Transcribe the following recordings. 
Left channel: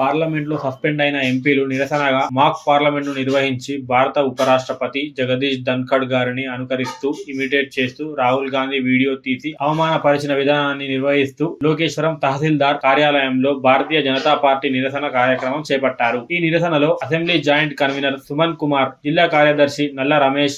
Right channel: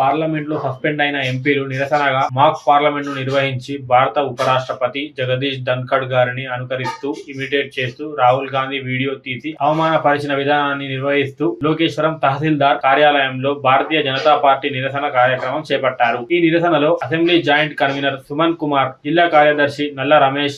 Parliament లో suspend అయిన ఎంపీలు నిరసనగా మాక్ పార్లమెంట్ ను నిర్వహించి భారత ఉపరాష్ట్రపతి జగదీష్ ధన్ఖడ్ గారిని అనుకరిస్తూ ఇమిటేట్ చేస్తూ రాహుల్ గాంధీ వీడియో తీసి అవమానపరిచిన విధానాన్ని నిర్వహిస్తూ లోకేశ్వరం తహసీల్దార్ కార్యాలయంలో భారతీయ జనతా పార్టీ నిరసన కార్యక్రమం చేపట్టారు. ఈ నిరసనలో assembly joint convener Suman Kumar, జిల్లా కార్యదర్శి నల్ల రమేష్,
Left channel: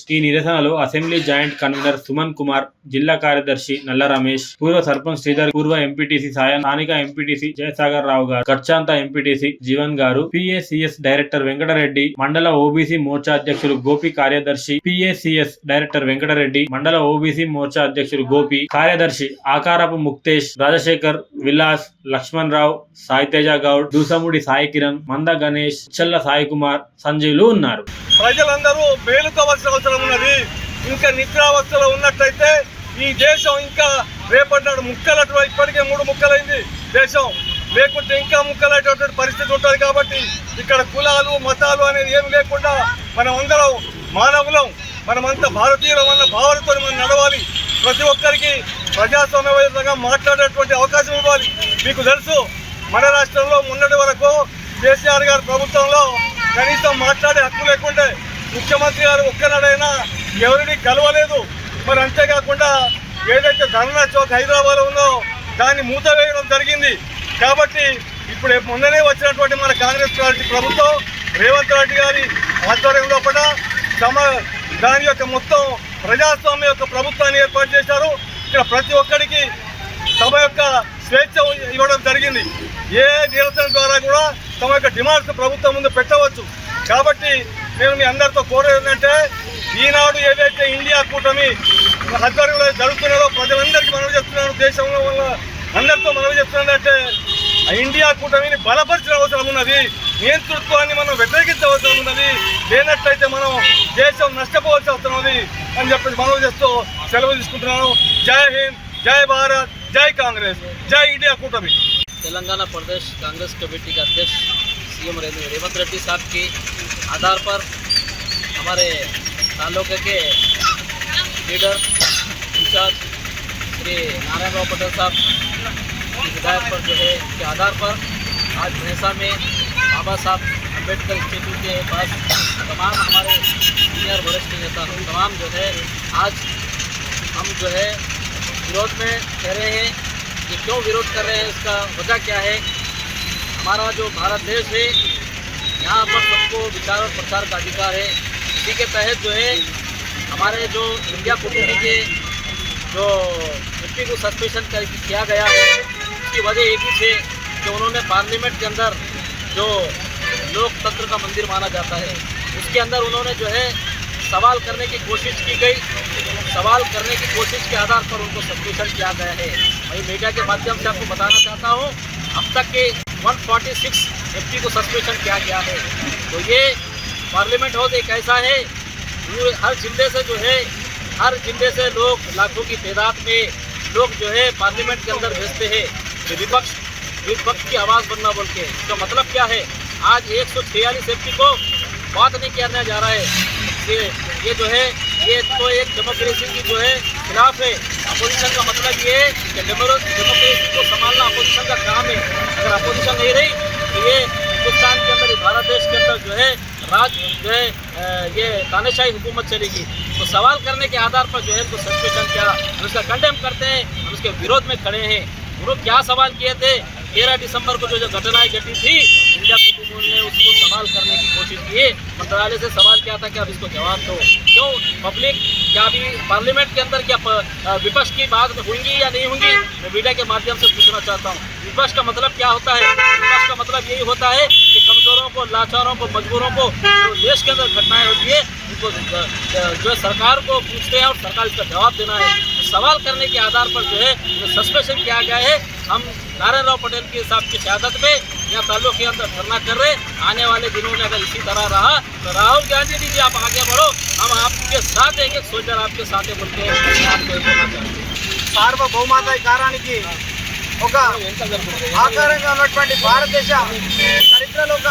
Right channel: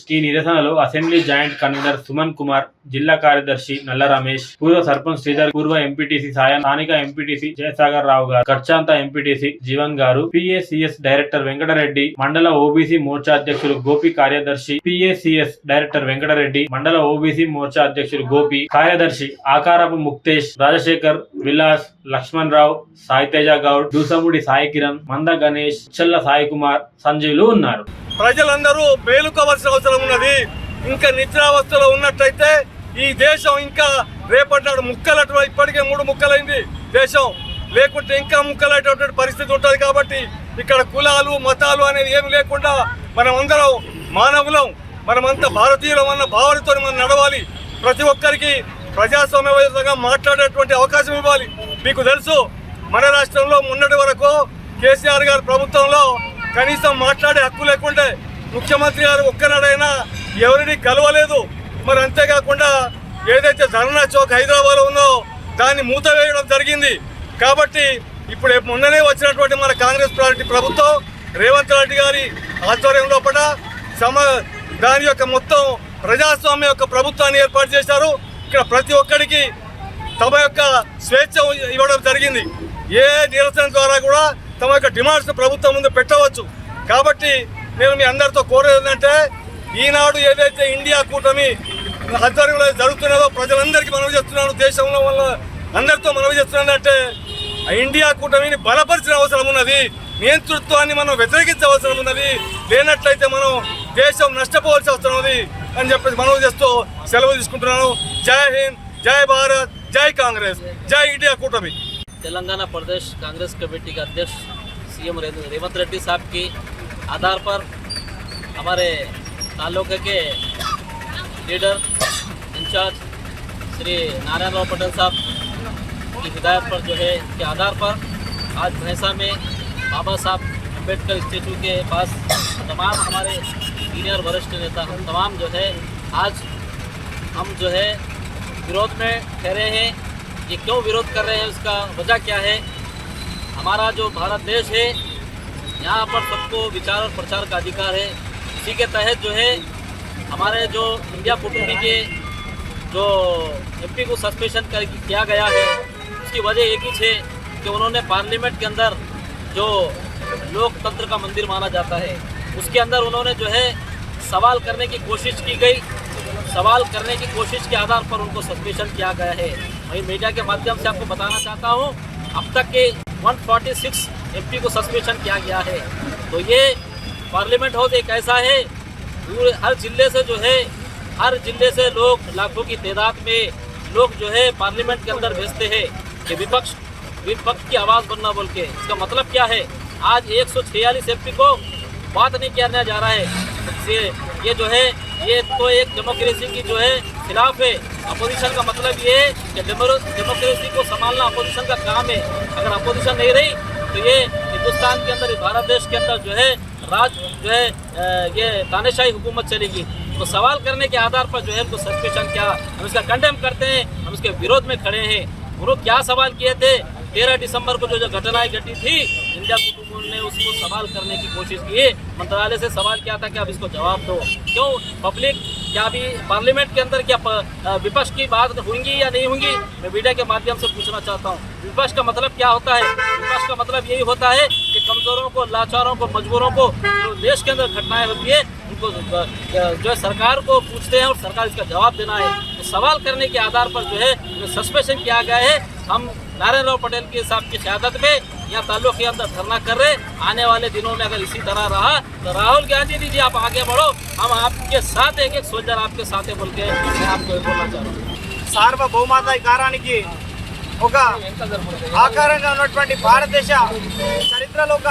జిల్లా కార్యదర్శి నల్ల రమేష్, పూర్వ సర్పంచ్ శ్రీధర్, పూర్వ ఎంపీటీసీ సాయం, స్థానిక ఎంపీటీసీ జయసాగర్ రావు గారు, గర్చాంత ఎంపీటీసీ జీవన్ గారు, పిఏసిఎస్ డైరెక్టర్ వెంకటరెడ్డి, మండల ఓబీసీ మోర్చా అధ్యక్షులు గోపి, కార్యదర్శి పిఏసిఎస్ డైరెక్టర్ వెంకటరెడ్డి, మండల ఓబీసీ మోర్చా అధ్యక్షులు గోపి, కార్యదర్శి ఆకారపు ముక్తేష్, రాజశేఖర్, విలాస్, లక్ష్మణ్ రావు, సాయితేజ గౌడ్, దూసముడి సాయి కిరణ్, మంద గణేష్, చెల్ల సాయి కుమార్, సంజీవులు ఉన్నారు. ప్రజలందరూ మేలుకోవాల్సిన అవసరం ఉన్నది. ఇంకా నిద్రావస్థలో ఉన్నట్టయితే ఈ దేశం ఇంకా రేపటి నాడు ముక్కలటు, ఇప్పటికే 3 ముక్కలైంది దేశం, లేకుంటే ఇంకా ముక్కలైనటువంటి పరిస్థితి ఉంటుంది. కాబట్టి ఇక్కడ కులాలు మతాలు అనేది ఏమి లేకుండా మనమందరం మానవులం, మనమంతా భారతీయులం అన్న భావనతో మనం నడవాలి. ప్రతి ఒక్కరికి ప్రజాస్వామ్యయుతంగా మాట్లాడేటువంటి అవకాశం ఇవ్వాలి. మీకు తెలుసు, మన రాష్ట్రంలో మొన్నటి వరకు కేసీఆర్ గారి ప్రభుత్వంలో కనీసం మాట్లాడే హక్కు లేకుంటే ముఖ్యమంత్రి గారు ఒక్కనాడైనా ఎవరిని కలవలేదు. మరి అంతేకాకుండా ఏదైతే ధర్నా చౌక్ హైదరాబాద్ ఉందో దాన్ని మూతవేయడం జరిగింది. కాబట్టి ఇప్పుడు మొన్ననే వచ్చినటువంటి మన కాంగ్రెస్ పార్టీ ప్రభుత్వం రేవంత్ రెడ్డి గారి ఆధ్వర్యంలో కూడా దాని యొక్క మొత్తం ప్రజాస్వామ్య యొక్క ప్రభుత్వాన్ని ఏర్పాటు చేశారు. ఇక్కడ ప్రతి ఒక్కరికి తమ యొక్క స్వేచ్ఛ ఇవ్వడం జరిగింది. ఏ నిరసన ద్వారా కూడా తమ యొక్క డిమాండ్స్ ప్రభుత్వం ముందు పెట్టవచ్చు. కాబట్టి నేను మీ అందరితో కోరేది ఏంటంటే, ఈనాడు ఏదైతే ఇండియా కూటమి ఆధ్వర్యంలో జరుగుతున్నదో ప్రజలందరికీ మనవి చేస్తున్నాను, దేశంలో వల్ల అందరితో మనవి చేస్తున్నానంటే ఇండియా కూటమిని బలపరిచిన అవసరం ఉన్నది. నియంతృత్వాన్ని మనం వ్యతిరేకించవలసిన ఉన్నది. లేనట్లయితే మనం దేశం నష్టపోవాల్సి అవసరం ఉంది అని చెప్పేసి మనవి చేస్తూ సెలవు తీసుకుంటున్నాను. జై హింద్, జై భారత్, జై కాంగ్రెస్, జై इंडिया कूटमी। तेलंगाना प्रदेश कांग्रेस कमेटी के अध्यक्ष सीएम रेवंत रेड्डी साहब की आधार पर हमारे तालुके के लीडर इंचार्ज श्री नारायण राव पटेल साहब की हिदायत पर जो है के आधार पर आज भैंसा में बाबा साहब अम्बेडकर इंस्टीट्यूट के पास तमाम हमारे सीनियर वरिष्ठ नेता तमाम जो है आज हम जो है विरोध में ठहरे हैं। ये क्यों विरोध कर रहे हैं, इसका वजह क्या है? हमारा जो भारत देश है यहाँ पर सबको विचार और प्रचार का अधिकार है। इसी के तहत जो है हमारे जो इंडिया कूटमी के जो एमपी को सस्पेंशन किया गया है, उसकी वजह एक ही थी कि उन्होंने पार्लियामेंट के अंदर जो लोकतंत्र का मंदिर माना जाता है उसके अंदर उन्होंने जो है सवाल करने की कोशिश की गई। सवाल करने की कोशिश के आधार पर उनको सस्पेंशन किया गया है। वही मीडिया के माध्यम से आपको बताना चाहता हूँ, अब तक के 146 एमपी को सस्पेंशन किया गया है। तो ये पार्लियामेंट हाउस एक ऐसा है, हर जिले से जो है हर जिले से लोग लाखों की तादाद में लोग जो है पार्लियामेंट के अंदर भेजते हैं कि विपक्ष की आवाज़ बनना बोल के। इसका मतलब क्या है? आज 146 एमपी को बात नहीं करने जा रहा है। ये जो है ये तो एक डेमोक्रेसी की जो है खिलाफ है। अपोजिशन का मतलब ये है कि डेमोक्रेसी को संभालना अपोजिशन का काम है। अगर अपोजिशन नहीं रही तो ये हिंदुस्तान के अंदर, भारत देश के अंदर जो है राज जो है ये तानाशाही हुकूमत चलेगी। तो सवाल करने के आधार पर जो है उनको सस्पेंशन किया, हम उसका कंडेम करते हैं, हम उसके विरोध में खड़े हैं। उन्होंने क्या सवाल किए थे? 13 दिसंबर को जो घटनाएं घटी थी, इंडिया कूटमी ने उसको सवाल करने की कोशिश की। मंत्रालय से सवाल किया था कि आप इसको जवाब दो। क्यों पब्लिक क्या अभी पार्लियामेंट के अंदर क्या विपक्ष की बात होंगी या नहीं होंगी? मैं मीडिया के माध्यम से पूछना चाहता हूँ, विपक्ष का मतलब क्या होता है? विपक्ष का मतलब यही होता है कि कमजोरों को, लाचारों को, मजबूरों को, जो देश के अंदर घटनाएं होती है उनको जो है सरकार को पूछते हैं और सरकार इसका जवाब देना है। तो सवाल करने के आधार पर जो है सस्पेंशन किया गया है। हम नारायण राव पटेल के साहब की शहादत में यहाँ ताल्लुक के अंदर धरना कर रहे। आने वाले दिनों में अगर इसी तरह रहा तो राहुल गांधी जी आप आगे बढ़ो, हम आपके साथ एक सोल्जर आपके साथ बोल के मैं आपको बोलना चाहता हूँ। సార్వభౌమాధికారానికి ఒక ఆకారంగా ఉన్నటువంటి భారతదేశ చరిత్రలో ఒక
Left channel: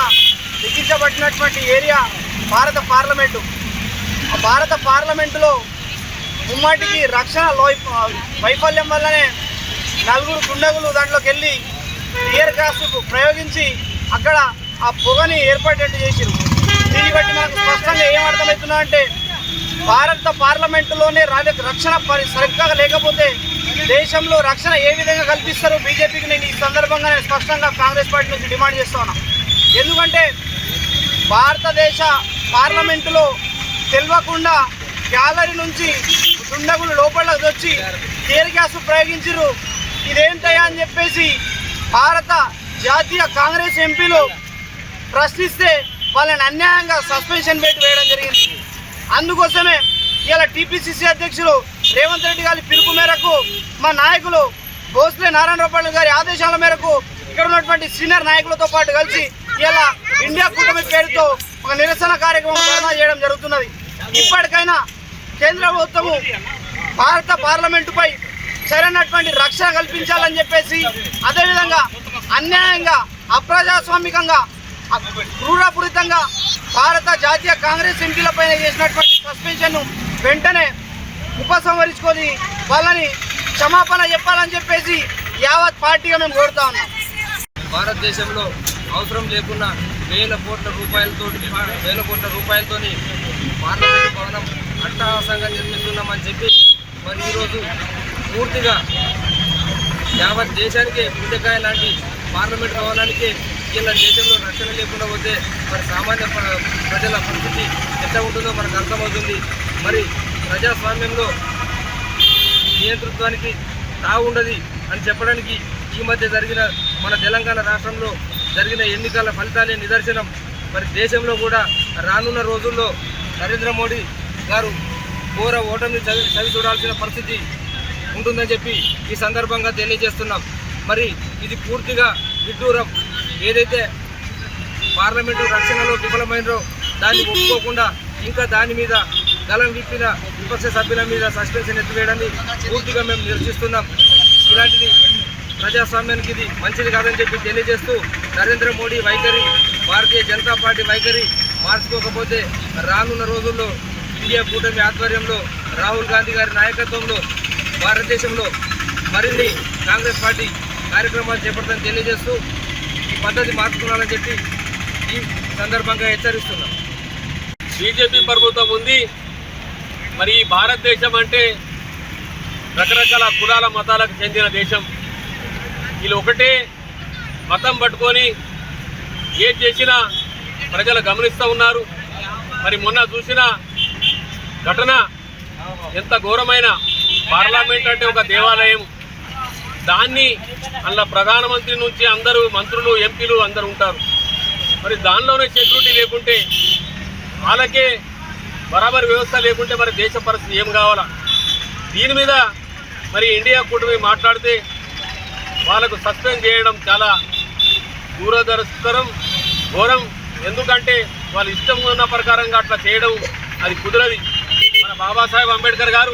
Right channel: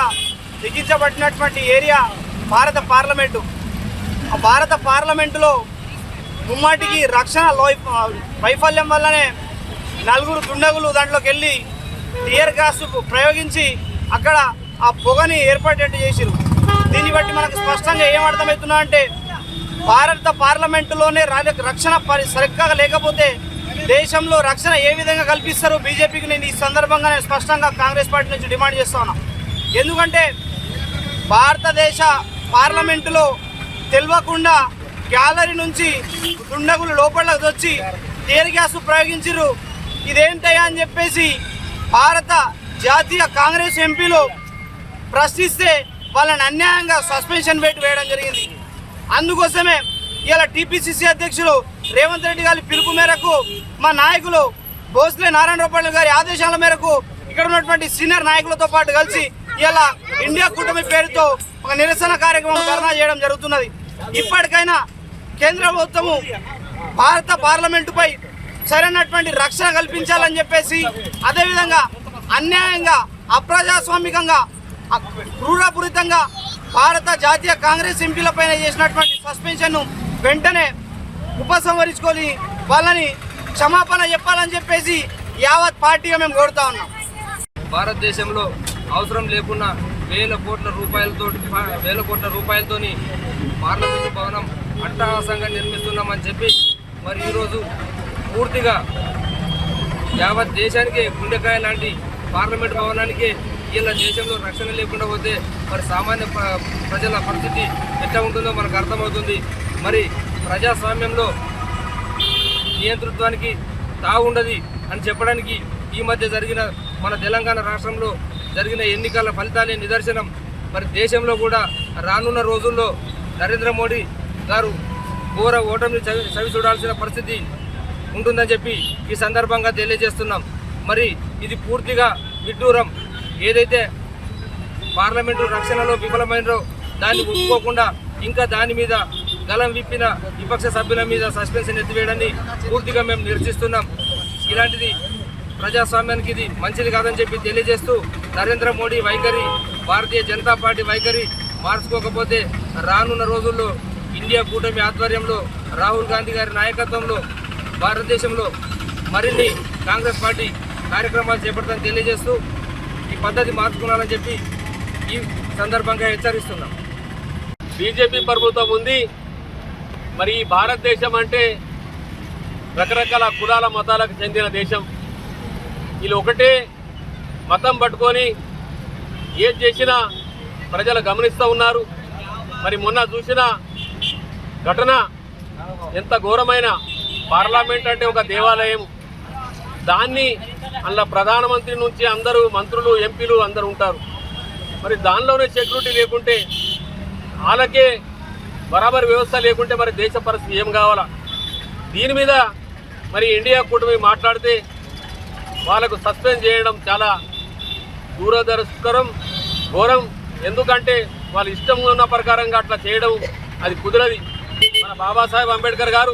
లిఖించబడినటువంటి ఏరియా భారత పార్లమెంటు. ఆ భారత పార్లమెంటులో ముమ్మాటికి రక్షణ వైఫల్యం వల్లనే 4 దుండగులు దాంట్లోకి వెళ్ళి టియర్ గ్యాస్ ప్రయోగించి అక్కడ ఆ పొగని ఏర్పడేట్టు చేసిరు. దీన్ని బట్టి మనకు స్పష్టంగా ఏం అర్థమవుతున్నా అంటే భారత పార్లమెంటులోనే రక్షణ సరిగ్గా లేకపోతే దేశంలో రక్షణ ఏ విధంగా కల్పిస్తారో బీజేపీకి నేను ఈ సందర్భంగా నేను స్పష్టంగా కాంగ్రెస్ పార్టీ నుంచి డిమాండ్ చేస్తా ఉన్నా. ఎందుకంటే భారతదేశ పార్లమెంటులో తెలియకుండా గ్యాలరీ నుంచి దుండగులు లోపలికి వచ్చి టీయర్ గ్యాస్ ప్రయోగించారు. ఇదేంటయ్యా అని చెప్పేసి భారత జాతీయ కాంగ్రెస్ ఎంపీలు ప్రశ్నిస్తే వాళ్ళని అన్యాయంగా సస్పెన్షన్ పెట్టి వేయడం జరిగింది. అందుకోసమే ఇలా టీపీసీసీ అధ్యక్షులు రేవంత్ రెడ్డి గారి పిలుపు మేరకు మా నాయకులు భోస్లే నారాయణరావు గారి ఆదేశాల మేరకు ఇక్కడ ఉన్నటువంటి సీనియర్ నాయకులతో పాటు కలిసి ఇలా ఇండియా కూటమి పేరుతో ఒక నిరసన కార్యక్రమం ధర్నా చేయడం జరుగుతున్నది. ఇప్పటికైనా కేంద్ర ప్రభుత్వము భారత పార్లమెంటుపై సరైనటువంటి రక్షణ కల్పించాలని చెప్పేసి, అదేవిధంగా అన్యాయంగా అప్రజాస్వామికంగా క్రూరపూరితంగా భారత జాతీయ కాంగ్రెస్ ఎంపీలపైన చేసినటువంటి సస్పెన్షన్ను వెంటనే ఉపసంహరించుకొని వాళ్ళని క్షమాపణ చెప్పాలని చెప్పేసి యావత్ పార్టీగా మేము కోరుతా ఉన్నాం. భారతదేశంలో అవసరం లేకున్నా వేల కోట్ల రూపాయలతోని పార్లమెంటు భవనం అట్టహాసంగా నిర్మిస్తున్నామని చెప్పి మరి ఈరోజు పూర్తిగా యావత్ దేశానికి గుండెకాయ లాంటి పార్లమెంటు భవనానికి ఇలా దేశంలో రక్షణ లేకుండా పోతే మరి సామాన్య ప్రజల పరిస్థితి ఎట్లా ఉంటుందో మనకు అర్థమవుతుంది. మరి ప్రజాస్వామ్యంలో నియంతృత్వానికి తావుండది అని చెప్పడానికి ఈ మధ్య జరిగిన మన తెలంగాణ రాష్ట్రంలో జరిగిన ఎన్నికల ఫలితాలే నిదర్శనం. మరి దేశంలో కూడా రానున్న రోజుల్లో నరేంద్ర మోడీ గారు ఘోర ఓటమిని చవి చూడాల్సిన పరిస్థితి ఉంటుందని చెప్పి ఈ సందర్భంగా తెలియజేస్తున్నాం. మరి ఇది పూర్తిగా విడ్డూరం. ఏదైతే పార్లమెంటు రక్షణలో విఫలమైనో దాన్ని ఒప్పుకోకుండా ఇంకా దాని మీద గలం విప్పిన విపక్ష సభ్యుల మీద సస్పెన్షన్ ఎత్తివేయడాన్ని పూర్తిగా మేము నిరసిస్తున్నాం. ఇలాంటిది ప్రజాస్వామ్యానికి ఇది మంచిది కాదని చెప్పి తెలియజేస్తూ నరేంద్ర మోడీ వైఖరి, భారతీయ జనతా పార్టీ వైఖరి మార్చుకోకపోతే రానున్న రోజుల్లో ఇండియా కూటమి ఆధ్వర్యంలో రాహుల్ గాంధీ గారి నాయకత్వంలో భారతదేశంలో మరిన్ని కాంగ్రెస్ పార్టీ కార్యక్రమాలు చేపడతామని తెలియజేస్తూ ఈ పద్ధతి మార్చుకోవాలని చెప్పి ఈ సందర్భంగా హెచ్చరిస్తున్నాం. బీజేపీ ప్రభుత్వం ఉంది. మరి ఈ భారతదేశం అంటే రకరకాల కులాల మతాలకు చెందిన దేశం. వీళ్ళు ఒకటే మతం పట్టుకొని ఏది చేసినా ప్రజలు గమనిస్తూ ఉన్నారు. మరి మొన్న చూసిన ఘటన ఎంత ఘోరమైన, పార్లమెంట్ అంటే ఒక దేవాలయం, దాన్ని అందులో ప్రధానమంత్రి నుంచి అందరూ మంత్రులు, ఎంపీలు అందరూ ఉంటారు. మరి దానిలోనే సెక్యూరిటీ లేకుంటే, వాళ్ళకే బరాబర్ వ్యవస్థ లేకుంటే మరి దేశ పరిస్థితి ఏం కావాలా? దీని మీద మరి ఇండియా కూటమి మాట్లాడితే వాళ్ళకు సస్పెండ్ చేయడం చాలా దూరదర్శకరం, ఘోరం. ఎందుకంటే వాళ్ళ ఇష్టం ఉన్న ప్రకారంగా అట్లా చేయడం అది కుదరది. మన బాబాసాహెబ్ అంబేద్కర్ గారు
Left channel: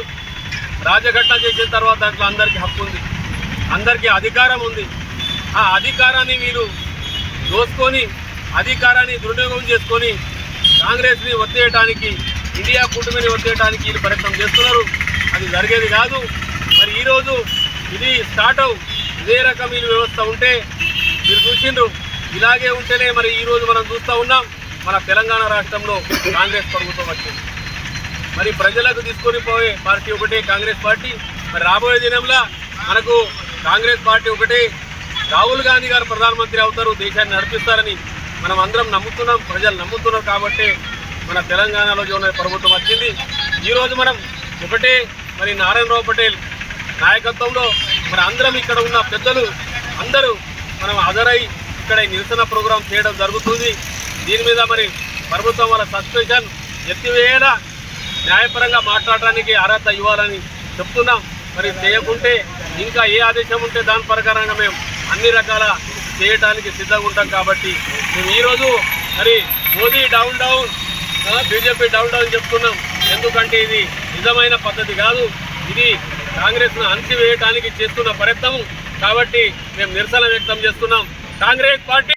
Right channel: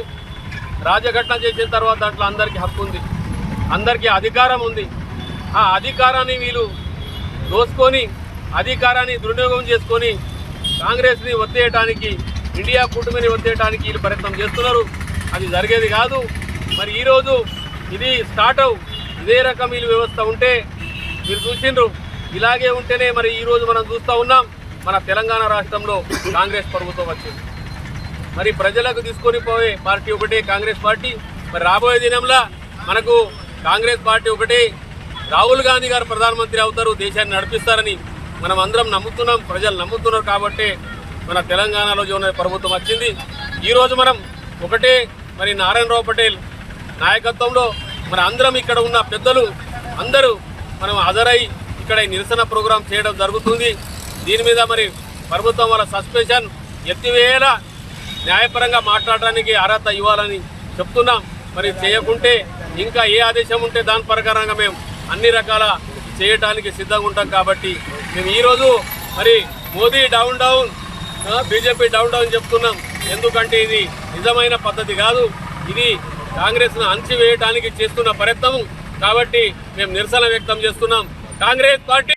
రాజఘటన చేసిన తర్వాత అట్లా అందరికీ హక్కు ఉంది, అందరికీ అధికారం ఉంది. ఆ అధికారాన్ని వీళ్ళు దోసుకొని, అధికారాన్ని దుర్వినియోగం చేసుకొని కాంగ్రెస్ని ఒత్తేయడానికి, ఇండియా కూటమిని ఒత్తేయడానికి వీళ్ళు ప్రయత్నం చేస్తున్నారు. అది జరిగేది కాదు. మరి ఈరోజు ఇది స్టార్ట్ ఇదే రకం వీళ్ళు వ్యవస్థ ఉంటే మీరు చూసిండ్రు. ఇలాగే ఉంటేనే మరి ఈరోజు మనం చూస్తూ ఉన్నాం, మన తెలంగాణ రాష్ట్రంలో కాంగ్రెస్ ప్రభుత్వం వచ్చింది. మరి ప్రజలకు తీసుకొని పోయే పార్టీ ఒకటే కాంగ్రెస్ పార్టీ. మరి రాబోయే దినంలో మనకు కాంగ్రెస్ పార్టీ ఒకటే, రాహుల్ గాంధీ గారు ప్రధానమంత్రి అవుతారు, దేశాన్ని నడిపిస్తారని మనం అందరం నమ్ముతున్నాం, ప్రజలు నమ్ముతున్నారు. కాబట్టి మన తెలంగాణలో ఉన్న ప్రభుత్వం వచ్చింది. ఈరోజు మనం ఒకటే, మరి నారాయణరావు పటేల్ నాయకత్వంలో మన అందరం ఇక్కడ ఉన్న పెద్దలు అందరూ మనం హాజరై ఇక్కడ నిరసన ప్రోగ్రాం చేయడం జరుగుతుంది. దీని మీద మరి ప్రభుత్వం వాళ్ళ సస్పెన్షన్ ఎత్తివేయాలా, న్యాయపరంగా మాట్లాడడానికి అర్హత ఇవ్వాలని చెప్తున్నాం. మరి చేయకుంటే ఇంకా ఏ ఆదేశం ఉంటే దాని ప్రకారంగా మేము అన్ని రకాల చేయడానికి సిద్ధంగా ఉంటాం. కాబట్టి మేము ఈరోజు మరి Modi down down, BJP down down చెప్తున్నాం. ఎందుకంటే ఇది నిజమైన పద్ధతి కాదు, ఇది కాంగ్రెస్ను అణచివేయడానికి చేస్తున్న ప్రయత్నం. కాబట్టి మేము నిరసన వ్యక్తం చేస్తున్నాం. కాంగ్రెస్ పార్టీ